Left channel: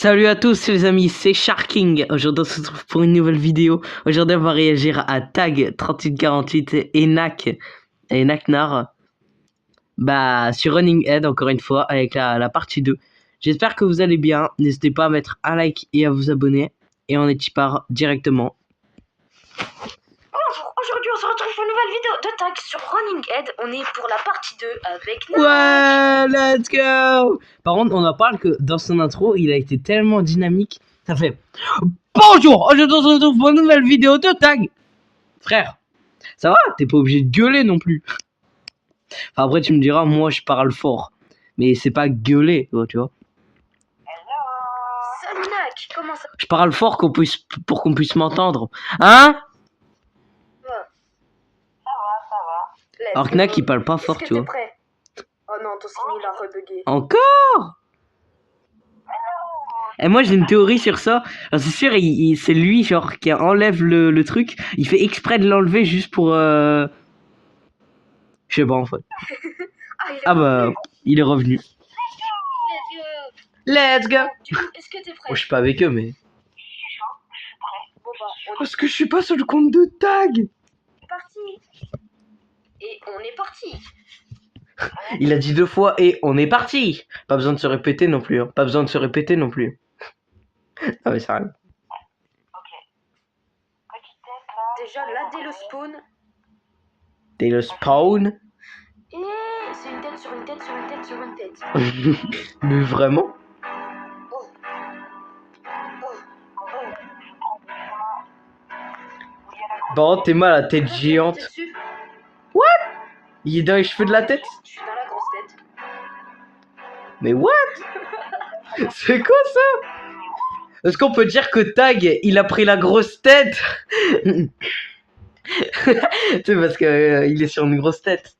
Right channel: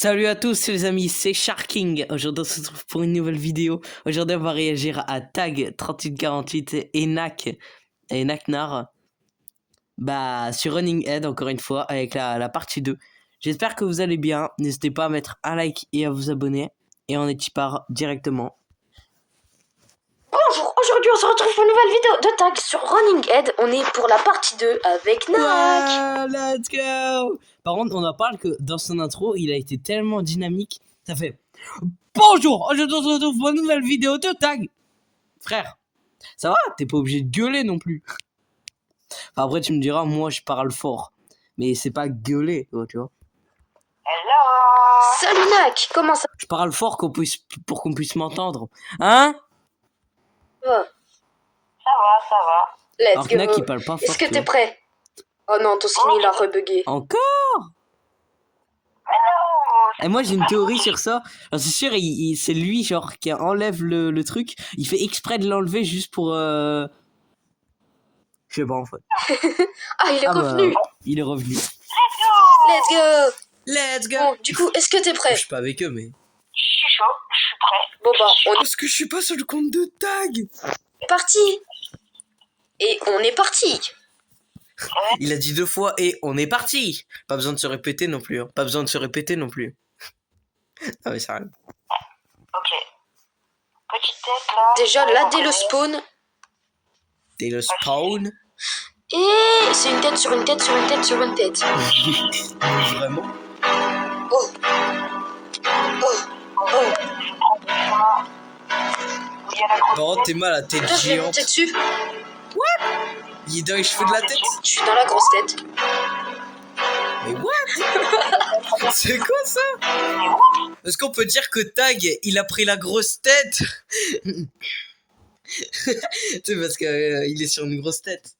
Salut à tous les amis, c'est Sharking. Aujourd'hui on se retrouve pour une nouvelle vidéo. Aujourd'hui on va réagir à Tag 3848 et Naknar. Bah sur Running Head encore une fois avec la partie 2. J'espère que vous allez bien. N'hésitez pas à mettre un like et à vous abonner. Et on y part directement. Bonjour, aujourd'hui on se retrouve pour une nouvelle vidéo de Tag sur Running Head. On est pour la partie 2 avec Nak. Ouais, let's go. Par contre, on en parle que dans son intro, il a été tellement dynamique. Ça fait bonjour, aujourd'hui on se retrouve pour une nouvelle vidéo de Tag. Frère, ça va? T'es pas obligé de gueuler non plus. Enfin, après, tu me diras, moi je parle fort. Mais c'est pas gueuler, tu vois. Salut Nak, comment ça Je parle fort pour qu'on puisse m'entendre. Hein? va? Ça va. Let's Alors que go. Nak, il parle pas fort, Est-ce que tu t'es vois. prêt? Oh non, ton skin il a rebugué. Encore? Et moi j'ai une théorie sur ça. Alors, c'est sûr, c'est lui genre qui enlève le truc. Il fait exprès de l'enlever juste pour. Je sais pas en fait. Ah, il est Ah revenu. bah, il est revenu. Let's go. Let's go. Bon, du coup, est-ce que t'es prêt? Moi, je suis pas avec eux, mais. Je suis chaud, je suis prêt. Bon bah, on Parce que je suis pas sur le compte de Tag. est parti. Et on est parti. Il a dit 2 fois et on est parti. Pas besoin de se répéter non plus. Hein. Pas besoin de se répéter non plus. Ah mais ça arrive. Ok. Petite tête là. Déjà là, dès le spawn. T'es le spawn. Et c'est une tête sur une tête sur une tête sur une tête. Mais vraiment. Oh. Il y a la grosse Bon, t'es mal à la tête Là, je vais géante. monter dessus. Il est dans les cheveux de la tête. Je suis dans la grosse tête. Mais what? C'est quoi ça? Est-ce qu'on peut dire que Tag, il a pris la grosse tête? Tu sais, parce que il est sur une grosse tête.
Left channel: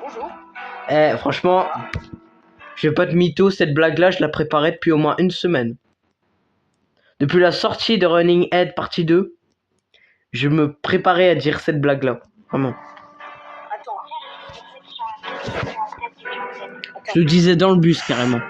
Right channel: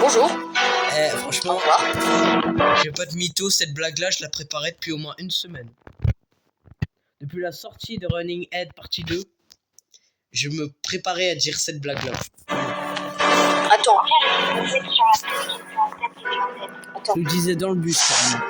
Bonjour. Franchement, je vais pas te mytho, cette blague-là, je la préparais depuis au moins une semaine. Depuis la sortie de Running Head partie 2, je me préparais à dire cette blague-là. Vraiment. Attends. Je le disais dans le bus, carrément.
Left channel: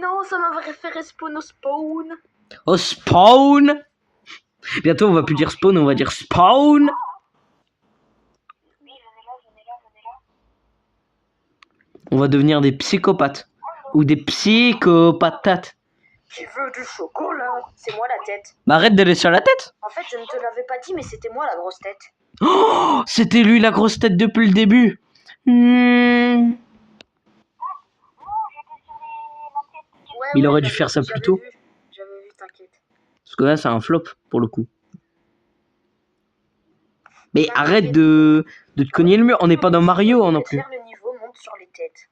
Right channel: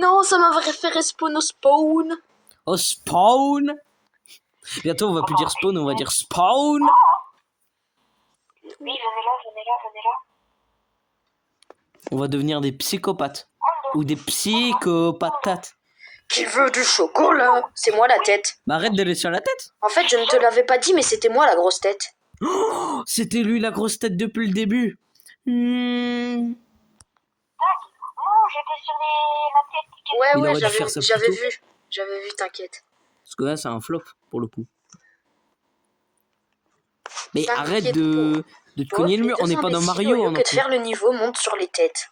Non, ça m'avait fait respawn au spawn. Oh, spawn! Bientôt, on va plus dire spawn, on va dire spawn! Oui, venez là. On va devenir des psychopathes. Ou des psychopatates. Qui veut du chocolat? C'est moi la tête. Bah arrête d'aller sur la tête. En fait, je ne te l'avais pas dit, mais c'était moi la grosse tête. Oh, c'était lui la grosse tête depuis le début. Non, j'étais sur la tête. Ouais, Il aurait dû j'avais- faire ça plus j'avais tôt. vu. J'avais vu, t'inquiète. Parce que là, c'est un flop, pour le coup. Mais T'inquiète arrête de te cogner le mur. On n'est pas dans Mario, on on que en de faire le niveau, monte sur les têtes.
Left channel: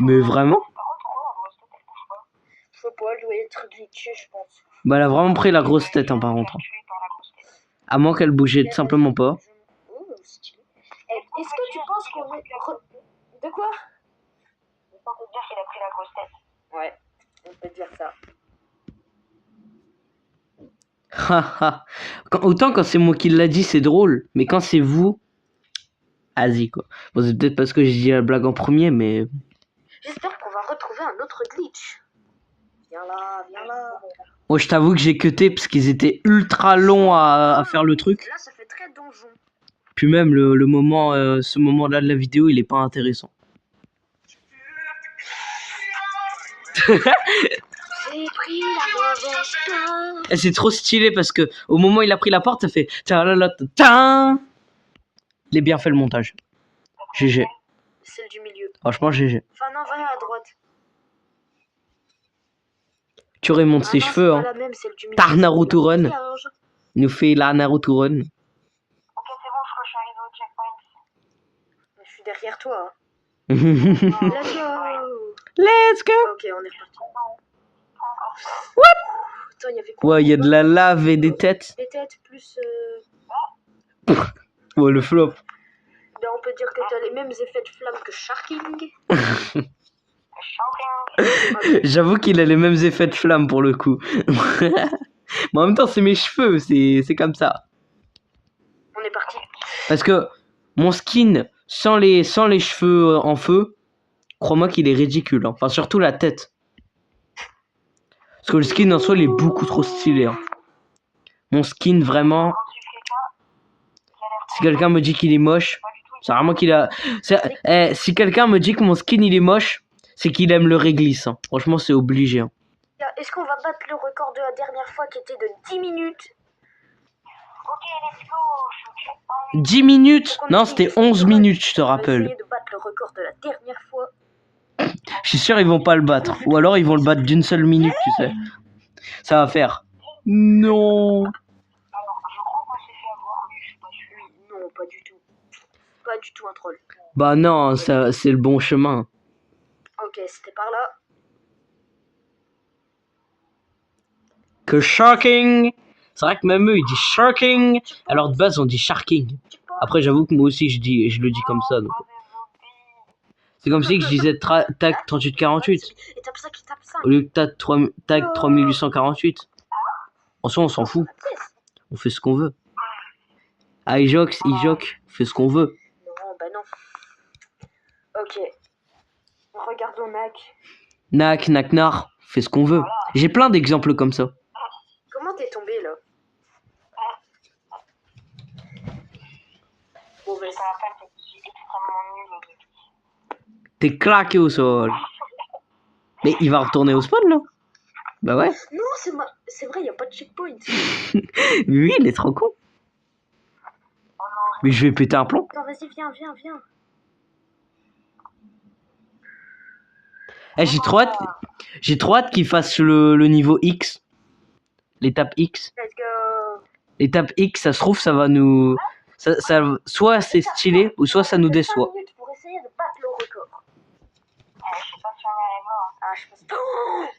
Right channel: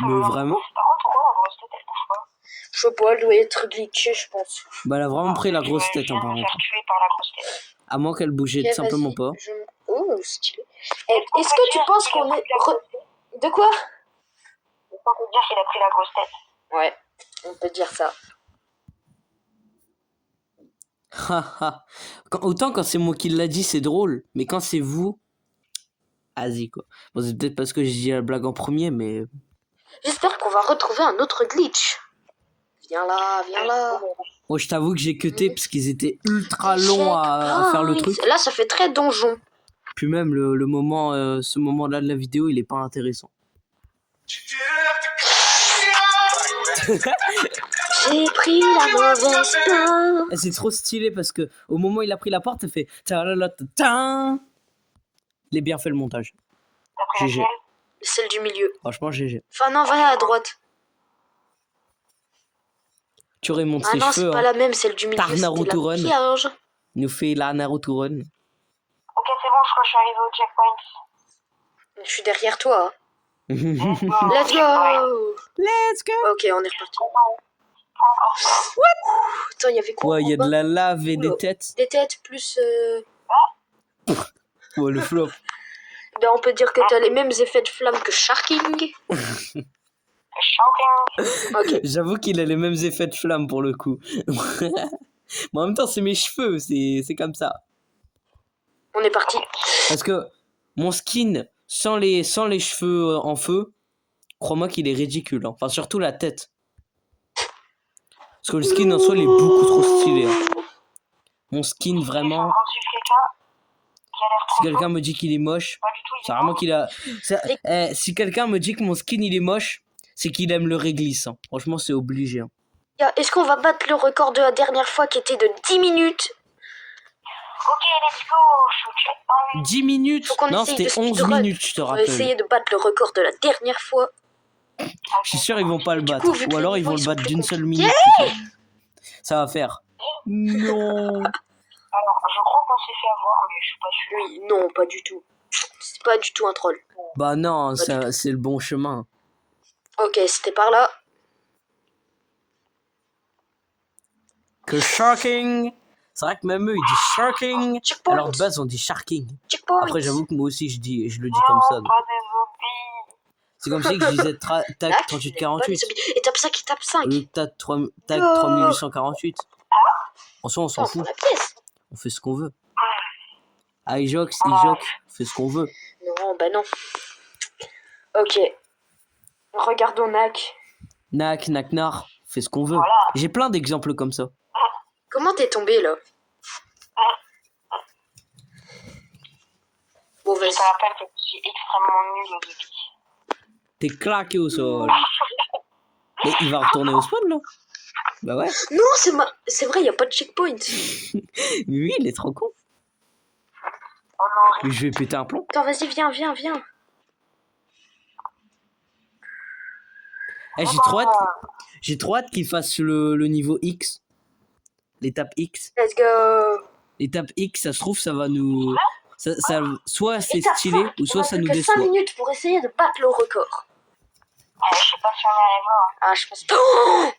Mais vraiment? Par contre, pourquoi la grosse tête elle bouge pas? Je sais pas, elle doit être glitchée, je pense. Bah elle a vraiment pris la grosse Je tête, hein, par vais me contre. faire tuer par la grosse tête. À moins qu'elle bougeait Ok, simplement vas-y, pas. Oh, stylé. Est-ce que tu penses qu'on est... De quoi? On peut dire qu'il a pris la grosse tête. Ouais, on peut dire ça. Haha. Autant quand c'est moi qui l'a dit, c'est drôle. Mais quand c'est vous... Vas-y, quoi. Bon, c'est peut-être parce que j'ai dit la blague en premier, mais... J'espère qu'on va retrouver un autre glitch. Viens là, viens là. Moi, je t'avoue que j'ai cuté parce qu'ils étaient ultra longs à faire le truc. Là, ça fait très donjon. Puis même, le moment, ce moment-là de la vidéo, il est pas intéressant. J'ai pris la mauvaise porte. Et c'est trop stylé parce que au moment où il a pris la porte, ça fait... ta-la-la-ta-ta. Il est bien fait le montage. GG. Celle du milieu. Franchement, GG. Enfin, non, va à droite. Tu remontes Ah ses non, c'est cheveux, pas hein. la même, celle du milieu. Par c'était Naruto la Run. vierge. Il nous fait la Naruto Run. Ok, c'est bon, je crois que je suis arrivé au checkpoint. Je suis derrière toi. hein. Let's Let's go. go. Ok, on est reparti. Attends, il y avait quoi? Ouais, il y a de la lave et des Oh. têtes. Des têtes plus... Ouais, le flop. Ben, on peut dire que t'as les mêmes effets de flamme que Sharking. Shocking. Ok. J'avoue qu'il a les mêmes effets de flamme pour le coup. Mais en même temps, c'est mes cheveux, c'est comme ça. On est parti. Parce que mon skin, sans les cheveux en feu, crois-moi qu'il est ridicule. Hein. Enfin, surtout la tête. Parce que le skin en soi, il est beaucoup trop stylé. Hein. Mon skin, vraiment, On suit quelqu'un qui a l'air si trop quelqu'un beau. me dit qu'il est moche, Pas du tout, il c'est est vraiment beau. qu'il a... si quelqu'un me dit que mon skin, il est moche, c'est qu'il aime le réglisse. Hein. Franchement, c'est obligé. Hein. Est-ce qu'on va battre le record de la dernière fois qui était de 10 minutes? Ok, let's go. Shoot checkpoint. 10 minutes? Faut qu'on Non, essaye de c'était 11 speedrun. minutes, je te On va essayer rappelle. de battre le record de la dernière fois. Je suis sûr, ils vont pas le battre. vu Ou que alors, ils vont le sont battre plus d'une seule compliqués. minute, tu sais. Ça va faire. Non. Alors, je crois qu'on s'est fait avoir, mais je suis pas sûr. Oui, non, pas du tout. C'est pas du tout un troll. Bah non, ça, c'est le bon chemin. Ok, c'était par là. Que sharking. C'est vrai que même eux, ils disent sharking. Checkpoint. Alors de base, on dit sharking. Checkpoint. Après, j'avoue que moi aussi, je le dis comme ça. Non, donc. pas des zombies. C'est comme si que je disais tag Ah, 3848. Étape 5, étape 5. Au lieu que tag 3848. En soi, on s'en fout. La pièce. On fait ce qu'on veut. iJox, on fait ce qu'on veut. Non, bah non. Ok. Regardons Nak. Naknar, on fait ce qu'on veut. J'ai plein d'exemples comme ça. Comment t'es tombé là? Bon, Je vas-y. te rappelle que je suis extrêmement nul aux zombies. T'es claqué au sol. Mais il va retourner au spawn là. Bah ouais. Non, c'est vrai, y a pas de checkpoint. Lui, il est trop con. Oh non, Mais je vais péter un plomb. Attends, vas-y, viens. Eh, j'ai trop hâte qu'il fasse le niveau X. L'étape X. Let's go. L'étape X, ça se trouve, ça va nous... soit c'est Étape stylé, 5, ou soit ça nous que 5 déçoit. minutes pour essayer de battre le record. je sais pas si on y arrivera. Ah, je pense... Oh,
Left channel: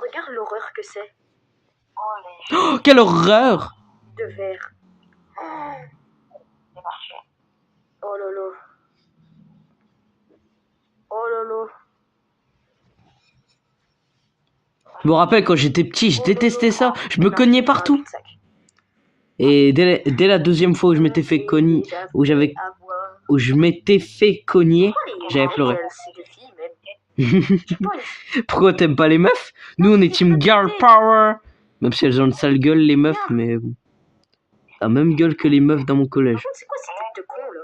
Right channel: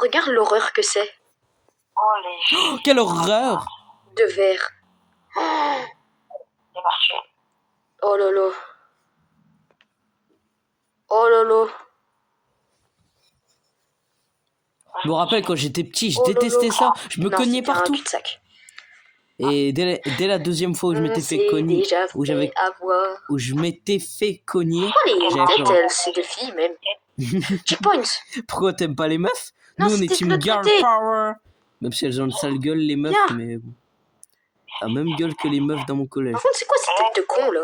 regarde l'horreur que c'est. Oh, les Oh, quelle horreur! De verre. Oh, c'est marché. oh là là. Oh là là. Je me rappelle quand j'étais petit, je Oh là détestais là. ça. Je me Non, cognais c'était un partout. cul-de-sac. Et dès la deuxième fois où je m'étais fait C'est cogner, déjà où fait avoir. je m'étais fait cogner, Oh, les j'avais pleuré. têtes, c'est de filles même. Checkpoint. Pourquoi t'aimes pas les meufs? Non, Nous on est c'était team de girl traiter. power. Même si elles ont une sale gueule les meufs, Viens. mais bon. La même gueule que les meufs dans mon collège. Par contre, c'est quoi ces têtes de con là?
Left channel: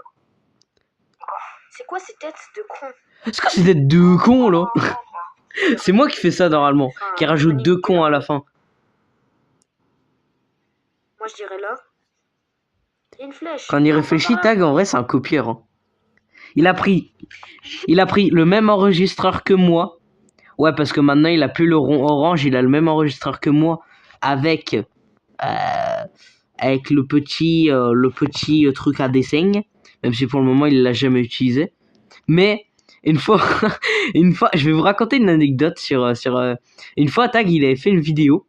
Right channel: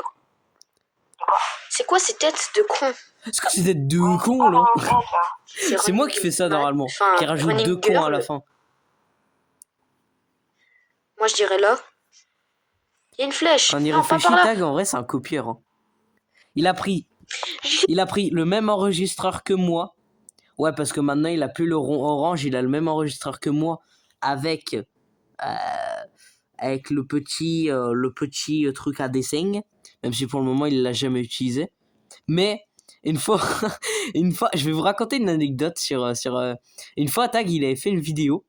C'est quoi ces têtes de con? Est-ce que c'est d'être deux cons là? Oh, ça. C'est moi qui fais ça normalement, Enfin, qui rajoute running deux cons à la girl. fin. Moi je dirais là. Il y a une flèche. Quand on y Non, pas réfléchit, par là. Tag en vrai c'est un copieur. Hein. Il a pris le même enregistreur que moi. Ouais, parce que maintenant il a plus le rond orange, il a le même enregistreur que moi avec le petit truc à dessin, même si pour le moment il l'a jamais utilisé. Mais une fois, je vais vous raconter une anecdote sur une fois Tag il avait fait une vidéo.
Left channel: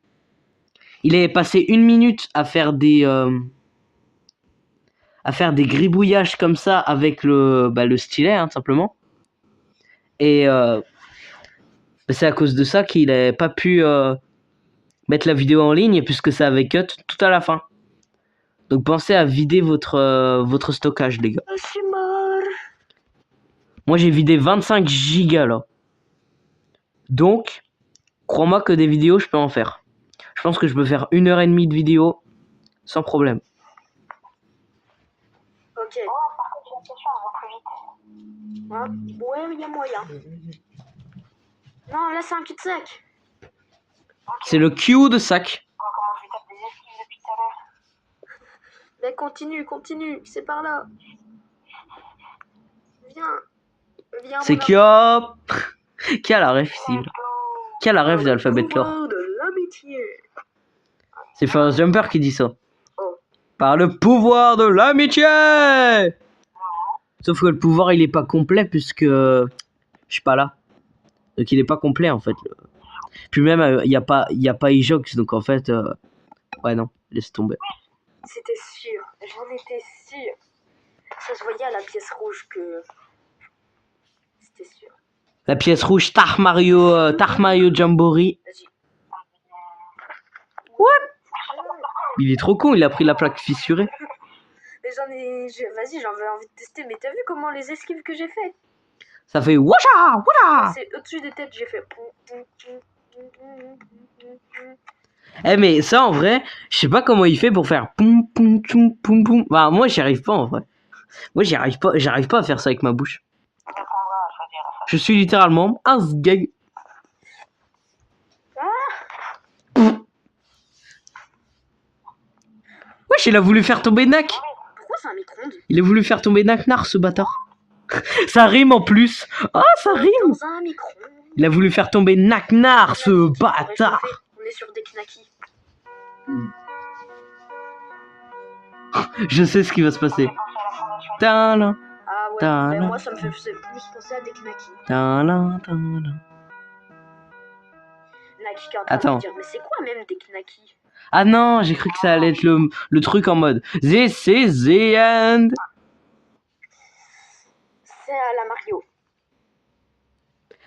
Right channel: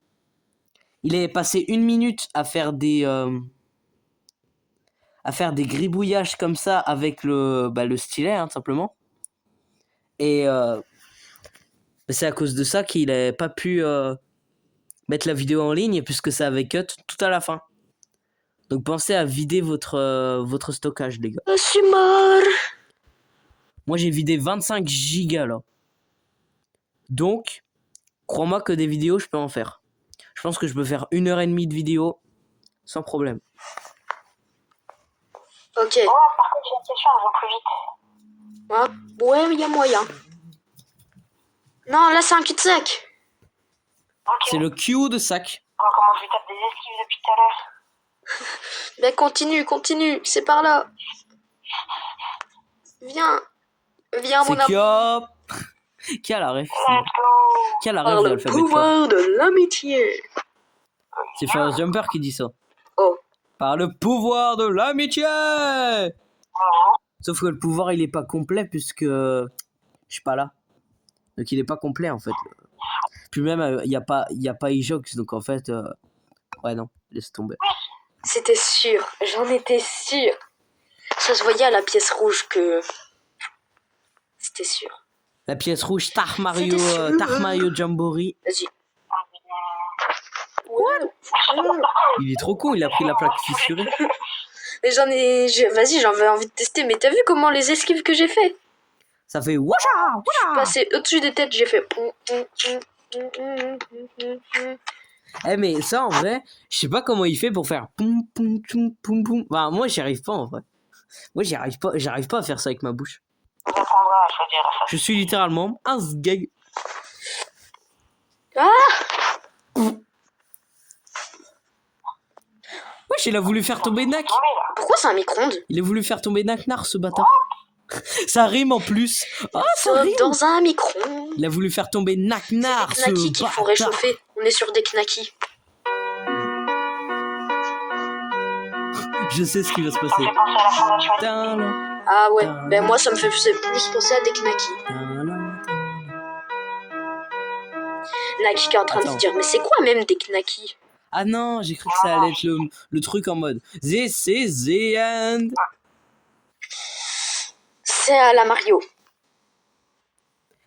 Il avait passé 1 minute à faire des gribouillages comme ça avec le stylet, hein, tout simplement. Et c'est à cause de ça qu'il n'avait pas pu mettre la vidéo en ligne puisque ça avait cut tout à la fin. Donc pensez à vider votre stockage, les gars. Je suis mort. Moi j'ai vidé 25 gigas là. Donc, crois-moi que des vidéos je peux en faire. Je pense que je peux faire 1h30 de vidéo sans problème. Ok. Oh, par contre, j'ai une question, elles vont plus vite. Ouais, il y a moyen. Non, là c'est un cul-de-sac. Ok. C'est le Q de sac. Oh, comment je lui tape des esquives depuis tout à l'heure. Mais continue, c'est par là. Viens, C'est mon qui a la ref ici. Let's go. Qui a la ref Par le d'Alphabet Core? pouvoir de l'amitié. C'est Forrest Jumper qui dit ça. Oh. Par le pouvoir de l'amitié. Sauf que le pouvoir il est pas complet puisque je suis pas là. Donc il est pas complet en fait. Puis même il y a pas iJox donc en fait ouais non, laisse tomber. C'était sûr, j'en étais sûr. Ça se voyait à la pièce rouge que... C'était sûr. La pièce rouge Tar Mario Jamboree. Vas-y. Il est trop con, il a pris la plaque fissurée. Mais vas-y, j'avais envie de tester. Mais t'as vu comment les esquives que j'ai fait? Ça fait washa, washa. Passé au-dessus des têtes, j'ai fait. Eh mais ça en vrai, je sais pas comment il fait pour faire poum poum poum poum poum. Bah moi j'y arrive pas en vrai. Moi j'arrive pas à faire ça avec ma bouche. On apprendra, je te dirai ça. Je suis littéralement un sgeg. Ah! Wesh, il a voulu faire tomber Nak. Tombé, là. Pourquoi c'est un micro-ondes? Il a voulu faire tomber Naknar ce bâtard. Ça rime en plus. Ah ça rime. Dans un micro-ondes. Il a voulu faire tomber Naknar ce Knacky qu'il faut bâtard. réchauffer. On est sur des knackis. Je sais ce qui va se passer. J'ai pensé à la fondation. Tala, Ah ouais, Tala. ben moi ça me fait plus penser à des knackis. tala, tala. Naki qui est en train de Attends. se dire, mais c'est quoi même des knackis? Ah non, j'ai cru que ça allait être le truc en mode This is the end. C'est à la Mario.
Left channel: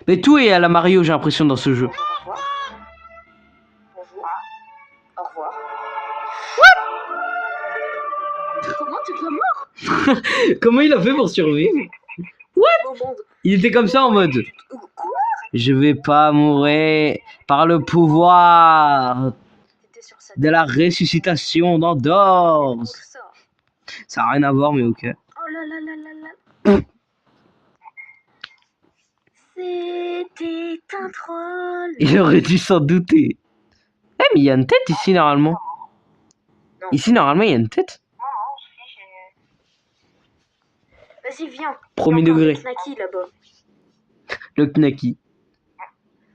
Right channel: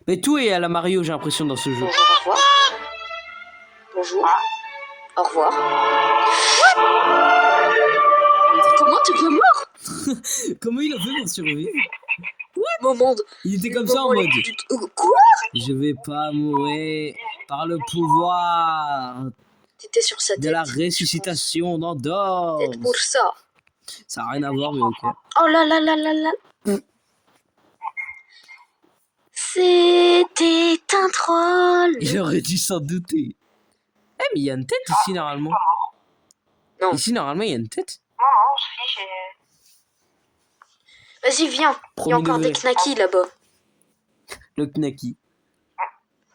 Mais tout est à la Mario, j'ai l'impression, dans ce jeu. Bonjour, au revoir. Bonjour. Au revoir. Comment tu es mort? Comment il a fait pour survivre? Mon monde. Il était comme ça en mode Quoi? je vais pas mourir par le pouvoir T'étais sur sa tête. de la ressuscitation d'Andorre. Peut-être pour ça. Ça n'a rien à voir, mais ok. Oh là là là là là. C'était un troll. Il aurait dû s'en douter. Eh, mais il y a une tête ici, normalement. Non. Ici, normalement, il y a une tête. Non, si, j'ai... Vas-y, viens. Premier Il y a encore degré. des knackis là-bas. Le Knaki.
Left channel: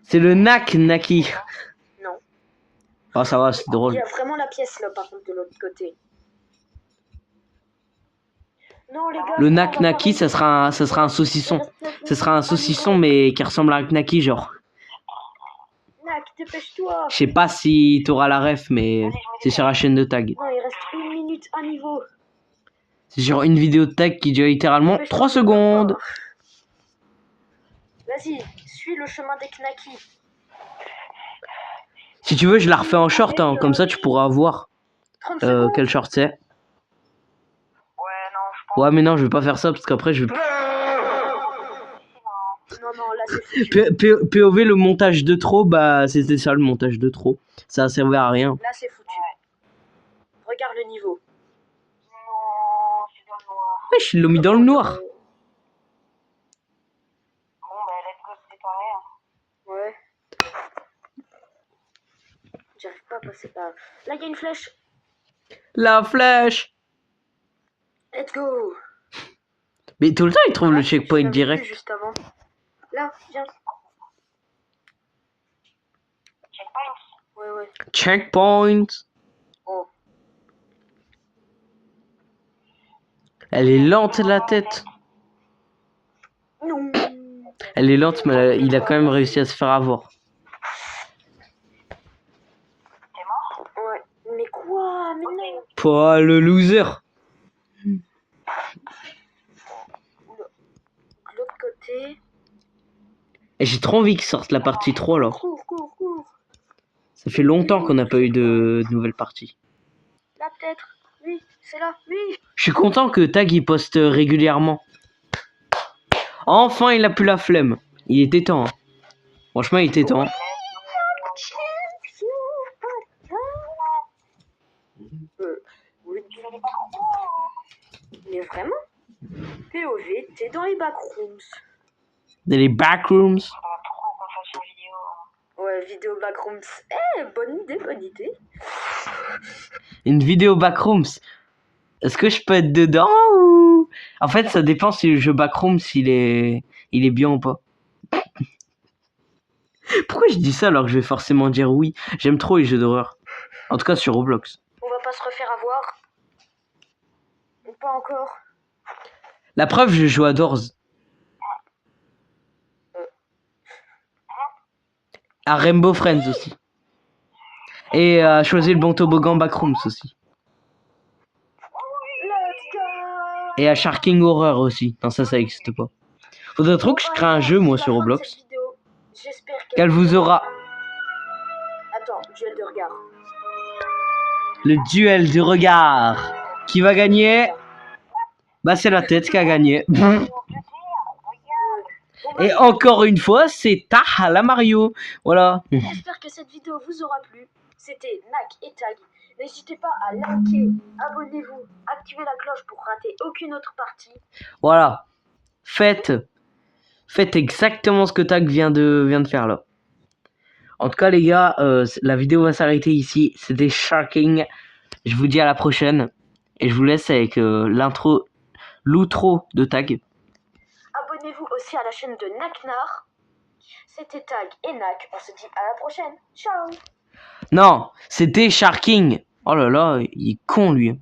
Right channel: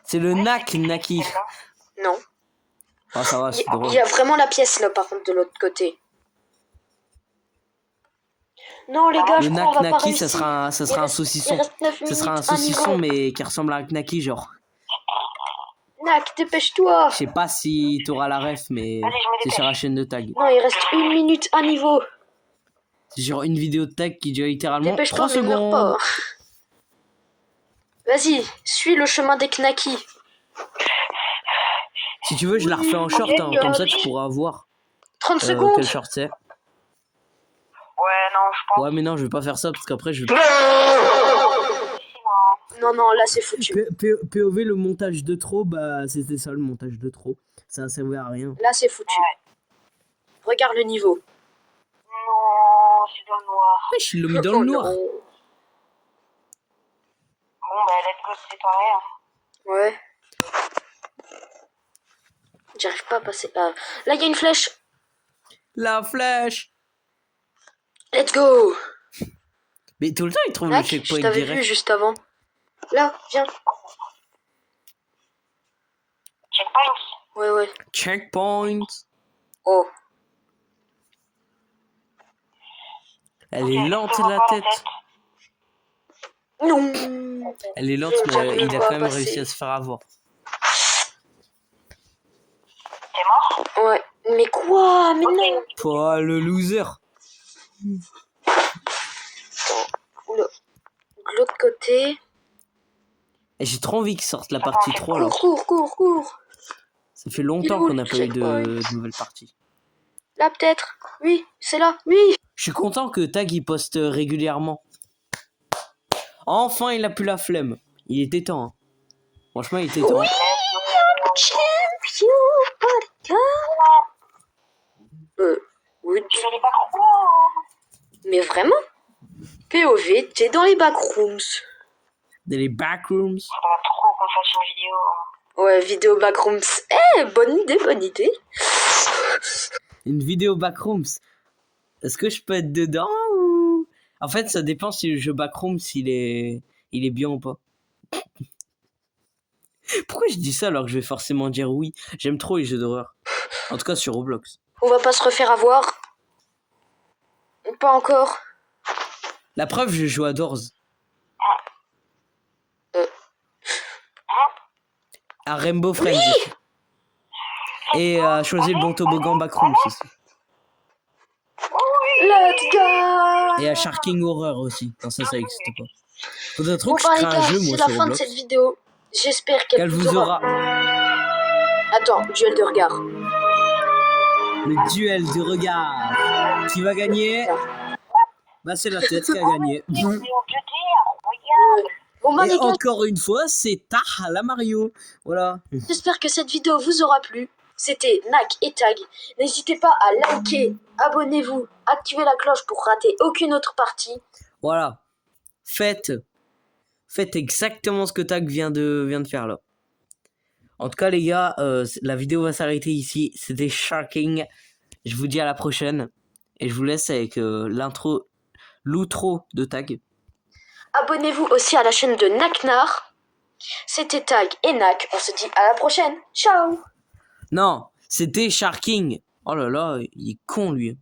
C'est le Naki. Non. Ah, ça va, c'est drôle. Il y a vraiment la pièce là, par contre, de l'autre côté. Non, les gars, Le je crois, on va pas Naki, ça réussir. sera un Il saucisson. reste 9 Ce sera un minutes, saucisson, mais qui ressemble à un Knaki, genre. Nak, dépêche-toi. Je sais pas si t'auras la ref, mais c'est sur la chaîne de tag. Non, il reste 1 minute à niveau. C'est sur une vidéo de tag qui dure littéralement Dépêche-toi, 3 ne meurs secondes. pas. Vas-y, suis le chemin des knackis. Si tu veux, je la refais en short, hein, comme ça tu pourras voir 30 secondes. quel short c'est. Ouais, non, je pense... Ouais, mais non, je vais pas faire ça parce qu'après je vais. Non, non, là c'est foutu. POV, le montage de trop, bah c'était ça le montage de trop. Ça servait à rien. Là c'est foutu. Regarde le niveau. Non, c'est dans le noir. Wesh, ils l'ont mis dans le noir. Bon, bah, let's go se séparer. Hein. Ouais. J'arrive pas à passer. Là, il y a une flèche. La flèche. Let's go. Mais tout le temps, ils trouvent Là, le je checkpoint t'avais vu direct. juste avant. Là, viens. Checkpoint. Ouais, ouais. Checkpoint. Oh. Elle est lente la tête. Non. Elle est lente, mais il a quand même réussi à se faire avoir. T'es mort? Ouais. Mais quoi? Mais non. Pas le loser. De l'autre côté. Et j'ai trop envie qu'ils sortent la partie 3 là. Cours. Ça fait longtemps Il est où, qu'on n'a le pas eu de checkpoint nouvelles parties. Là, peut-être. Oui, c'est là. Oui. Je suis content que Tag il poste régulièrement. Enfin, il a plus la flemme. Il était temps. Hein. Franchement, il était temps. Champion podcast. Oui. Tu veux les backrooms? Mais vraiment? POV, t'es dans les backrooms. Dans les backrooms. Faudra trop qu'on fasse une vidéo. Ouais, vidéo backrooms. Bonne idée. Une vidéo backrooms. Est-ce que je peux être dedans ou... En fait, ça dépend si le jeu backrooms il est bien ou pas. Pourquoi je dis ça alors que je vais forcément dire oui? J'aime trop les jeux d'horreur. En tout cas sur Roblox. On va pas se refaire avoir. Pas encore. La preuve, je joue à Doors. À Rainbow Friends aussi. Et à choisir le bon toboggan backrooms aussi. Let's go. Et à Sharking Horror aussi. Non, ça n'existe pas. Faudrait trop Bon, que je bah, crée les un gars, jeu, moi, c'est sur la fin de Roblox. cette vidéo. J'espère Qu'elle vous aura... Attends, duel de regard. Le duel de regard. Qui va gagner? Bah, c'est la tête qui a gagné. Je viens de te dire, regarde. Bon, Et Marie, encore une fois, c'est Tah la Mario. Voilà. j'espère que cette vidéo vous aura plu. C'était Nak et Tag. N'hésitez pas à liker, abonnez-vous, activez la cloche pour rater aucune autre partie. Voilà. Faites exactement ce que Tag vient de faire là. En tout cas, les gars, la vidéo va s'arrêter ici. C'était Sharking. Je vous dis à la prochaine. Et je vous laisse avec l'outro de Tag. Abonnez-vous aussi à la chaîne de Naknar. C'était Tag et Nak. On se dit à la prochaine. Ciao. Non, c'était Sharking. Oh là là, il est con lui.